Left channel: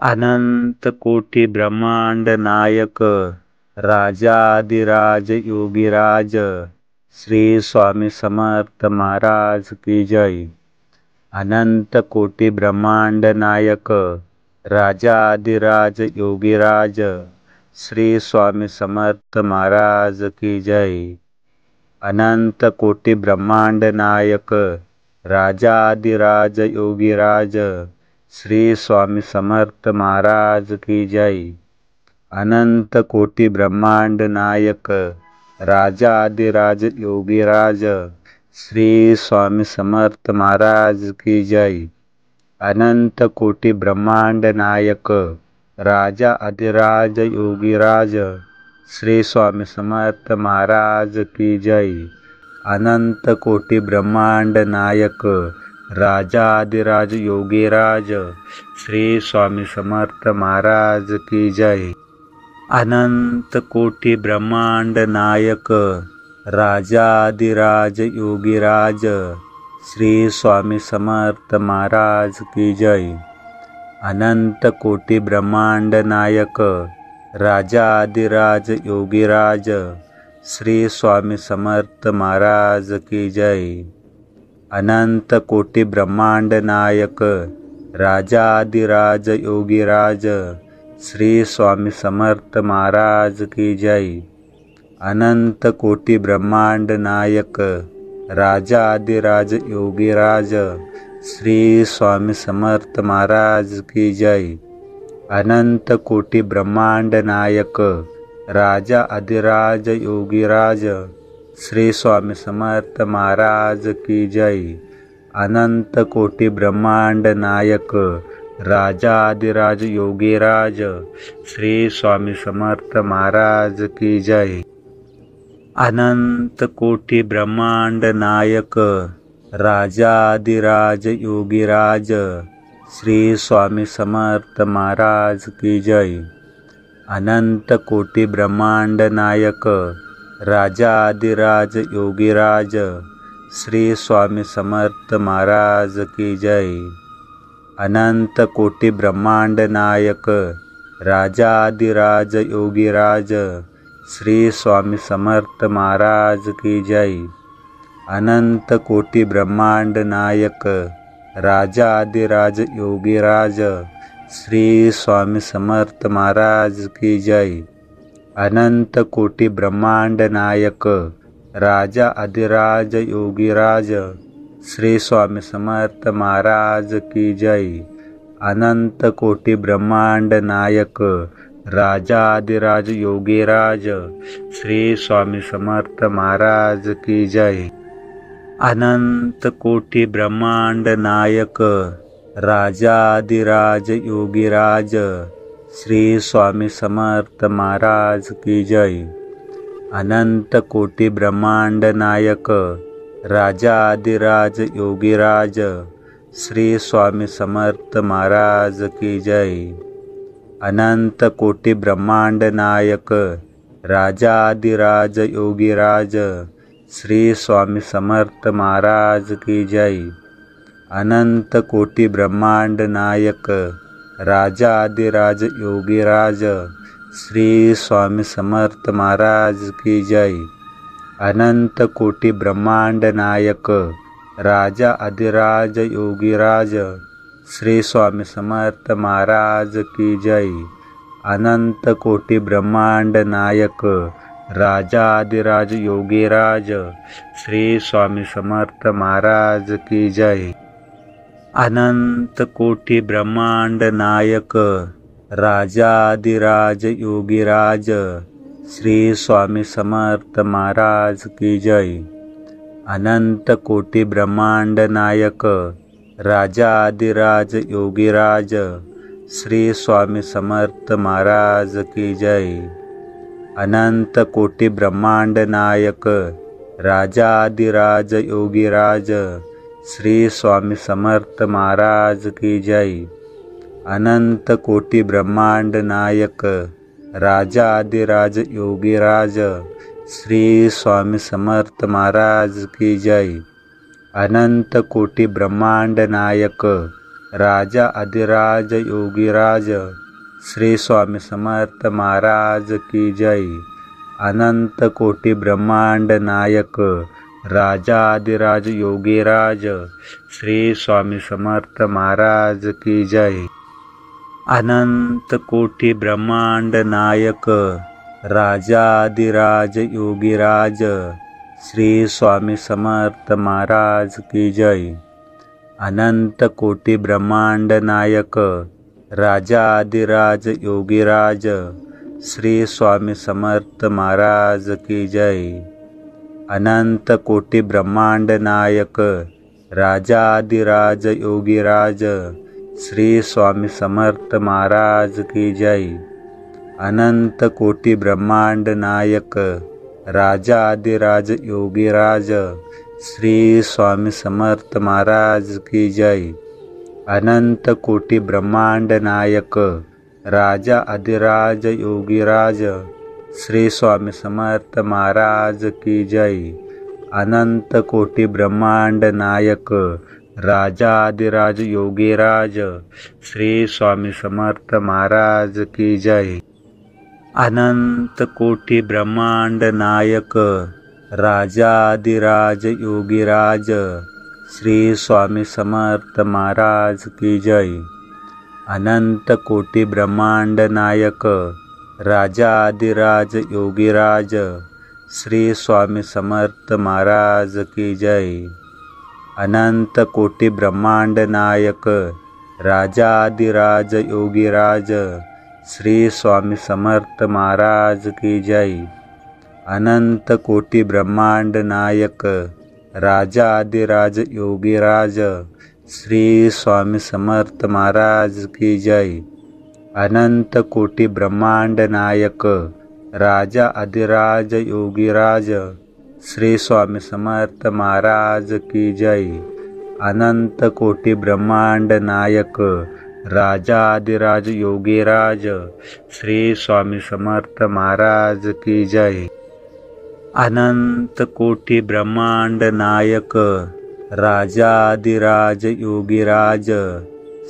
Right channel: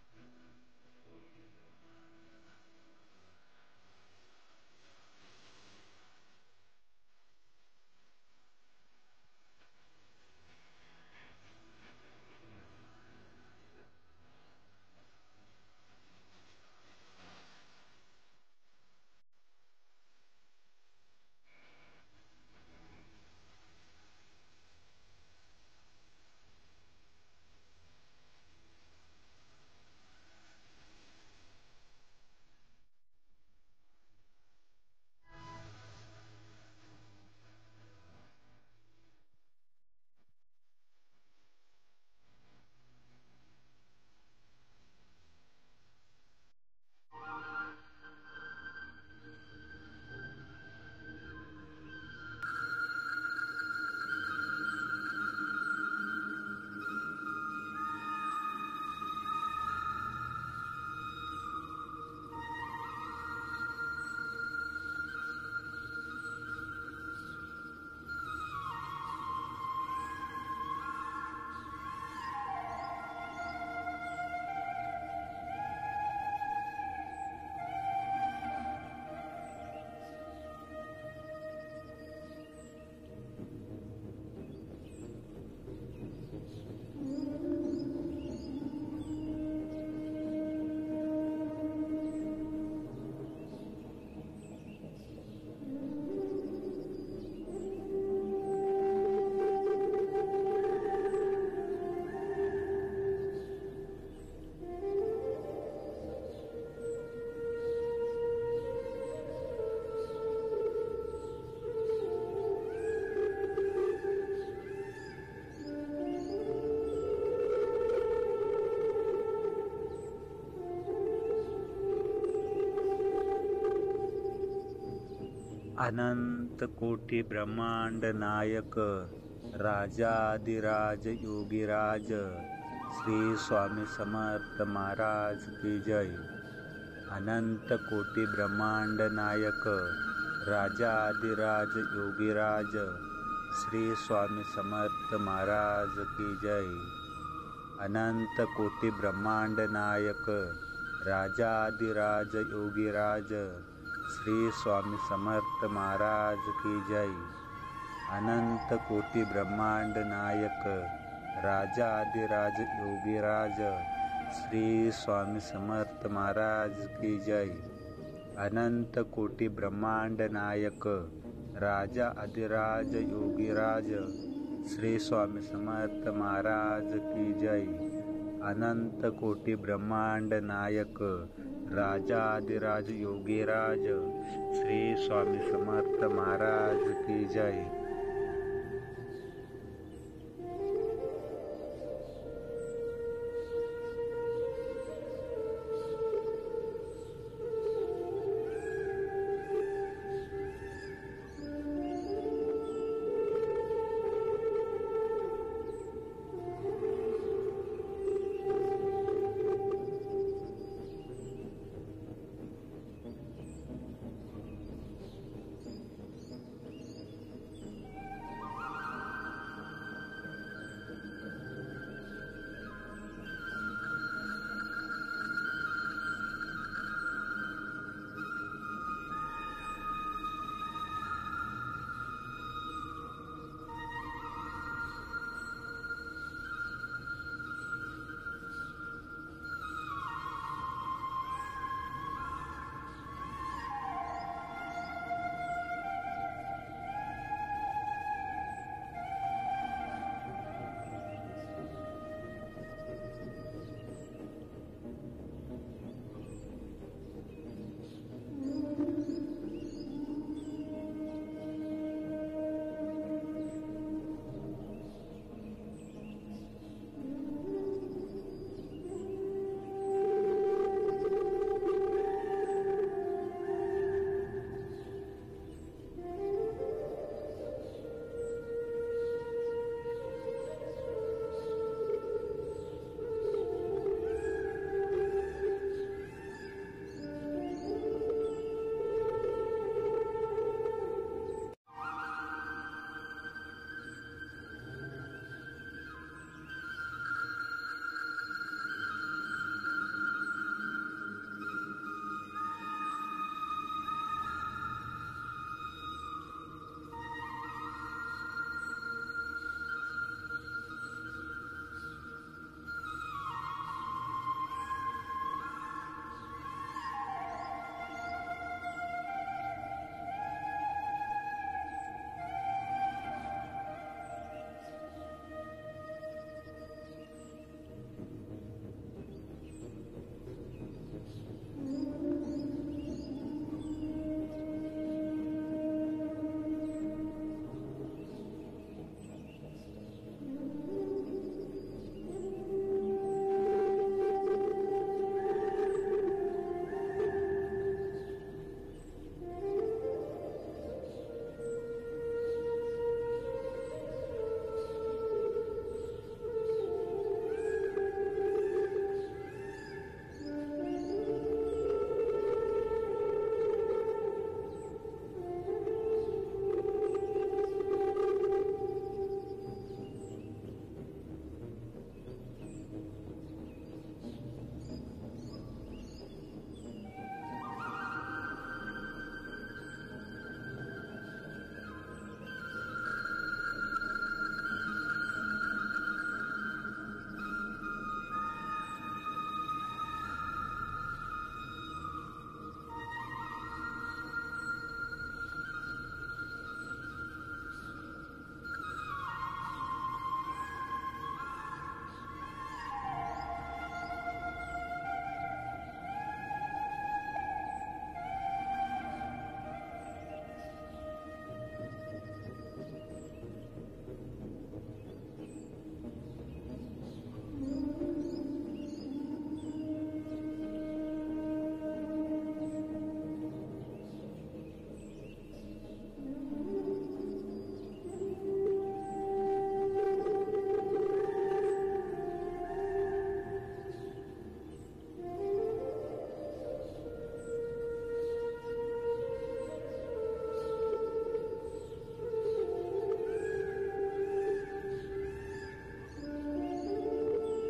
अनंत कोटि ब्रह्मांड नायक राजाधिराज योगीराज श्री स्वामी समर्थ महाराज की जय। अनंत कोटि ब्रह्मांड नायक राजाधिराज योगीराज श्री स्वामी समर्थ महाराज की जय। अनंत कोटि ब्रह्मांड नायक राजाधिराज योगीराज श्री स्वामी समर्थ महाराज की जय। अनंत कोटि ब्रह्मांड नायक राजाधिराज योगीराज श्री स्वामी समर्थ महाराज की जय। अनंत कोटि ब्रह्मांड नायक राजा अधिराज योगीराज श्री स्वामी समर्थ महाराज की जय। अनंत कोटि ब्रह्मांड नायक राजाधिराज योगीराज श्री स्वामी समर्थ महाराज की जय। अनंत कोटि ब्रह्मांड नायक राजाधिराज योगीराज श्री स्वामी समर्थ महाराज की जय। अनंत कोटि ब्रह्मांड नायक राजाधिराज योगीराज श्री स्वामी समर्थ महाराज की जय। अनंत कोटि ब्रह्मांड नायक राजाधिराज योगीराज श्री स्वामी समर्थ महाराज की जय। अनंत कोटि ब्रह्मांड नायक राजाधिराज योगीराज श्री स्वामी समर्थ महाराज की जय। अनंत कोटि ब्रह्मांड नायक राजा अधिराज योगीराज श्री स्वामी समर्थ महाराज की जय। अनंत कोटि ब्रह्मांड नायक राजाधिराज योगीराज श्री स्वामी समर्थ महाराज की जय। अनंत कोटि ब्रह्मांड नायक राजाधिराज योगीराज श्री स्वामी समर्थ महाराज की जय। अनंत कोटि ब्रह्मांड नायक राजाधिराज योगीराज श्री स्वामी समर्थ महाराज की जय। अनंत कोटि ब्रह्मांड नायक राजाधिराज योगीराज श्री स्वामी समर्थ महाराज की जय। अनंत कोटि ब्रह्मांड नायक राजाधिराज योगीराज श्री स्वामी समर्थ महाराज की जय। अनंत कोटि ब्रह्मांड नायक राजा अधिराज योगीराज श्री स्वामी समर्थ महाराज की जय। अनंत कोटि ब्रह्मांड नायक राजाधिराज योगीराज श्री स्वामी समर्थ महाराज की जय। अनंत कोटि ब्रह्मांड नायक राजाधिराज योगीराज श्री स्वामी समर्थ महाराज की जय। अनंत कोटि ब्रह्मांड नायक राजाधिराज योगीराज श्री स्वामी समर्थ महाराज की जय। अनंत कोटि ब्रह्मांड नायक राजाधिराज योगीराज श्री स्वामी समर्थ महाराज की जय। अनंत कोटि ब्रह्मांड नायक राजाधिराज योगीराज श्री स्वामी समर्थ महाराज की जय। अनंत कोटि ब्रह्मांड नायक राजा अधिराज योगीराज श्री स्वामी समर्थ महाराज की जय। अनंत कोटि ब्रह्मांड नायक राजाधिराज योगीराज श्री स्वामी समर्थ महाराज की जय। अनंत कोटि ब्रह्मांड नायक राजाधिराज योगीराज श्री स्वामी समर्थ महाराज की जय। अनंत कोटि ब्रह्मांड नायक राजाधिराज योगीराज श्री स्वामी समर्थ महाराज की जय। अनंत कोटि ब्रह्मांड नायक राजाधिराज योगीराज श्री स्वामी समर्थ महाराज की जय। अनंत कोटि ब्रह्मांड नायक राजाधिराज योगीराज श्री स्वामी समर्थ महाराज की जय। अनंत कोटि ब्रह्मांड नायक राजा अधिराज योगीराज श्री स्वामी समर्थ महाराज की जय। अनंत कोटि ब्रह्मांड नायक राजाधिराज योगीराज श्री स्वामी समर्थ महाराज की जय। अनंत कोटि ब्रह्मांड नायक राजाधिराज योगीराज श्री स्वामी समर्थ महाराज की जय। अनंत कोटि ब्रह्मांड नायक राजाधिराज योगीराज श्री स्वामी समर्थ महाराज की जय। अनंत कोटि ब्रह्मांड नायक राजाधिराज योगीराज श्री स्वामी समर्थ महाराज की जय। अनंत कोटि ब्रह्मांड नायक राजाधिराज योगीराज श्री स्वामी समर्थ महाराज की जय। अनंत कोटि ब्रह्मांड नायक राजा अधिराज योगीराज श्री स्वामी समर्थ महाराज की जय। अनंत कोटि ब्रह्मांड नायक राजाधिराज योगीराज श्री स्वामी समर्थ महाराज की जय। अनंत कोटि ब्रह्मांड नायक राजाधिराज योगीराज श्री स्वामी समर्थ महाराज की जय। अनंत कोटि ब्रह्मांड नायक राजाधिराज योगीराज श्री स्वामी समर्थ महाराज की जय। अनंत कोटि ब्रह्मांड नायक राजाधिराज योगीराज श्री स्वामी समर्थ महाराज की जय। अनंत कोटि ब्रह्मांड नायक राजाधिराज योगीराज श्री स्वामी समर्थ महाराज की जय। अनंत कोटि ब्रह्मांड नायक राजा अधिराज योगीराज श्री स्वामी समर्थ महाराज की जय। अनंत कोटि ब्रह्मांड नायक राजाधिराज योगीराज श्री स्वामी समर्थ महाराज की जय। अनंत कोटि ब्रह्मांड नायक राजाधिराज योगीराज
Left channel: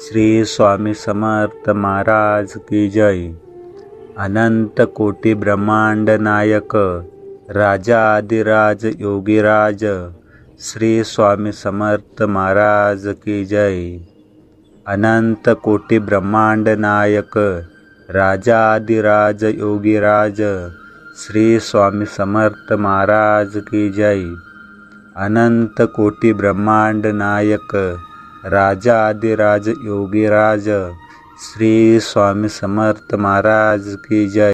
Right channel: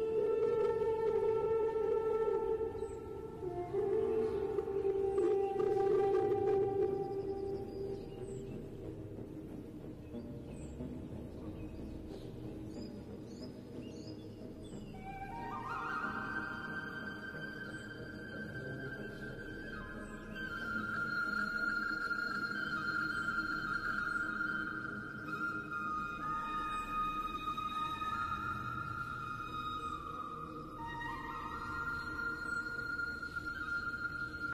श्री स्वामी समर्थ महाराज की जय। अनंत कोटि ब्रह्मांड नायक राजाधिराज योगीराज श्री स्वामी समर्थ महाराज की जय। अनंत कोटि ब्रह्मांड नायक राजाधिराज योगीराज श्री स्वामी समर्थ महाराज की जय। अनंत कोटि ब्रह्मांड नायक राजाधिराज योगीराज श्री स्वामी समर्थ महाराज की जय।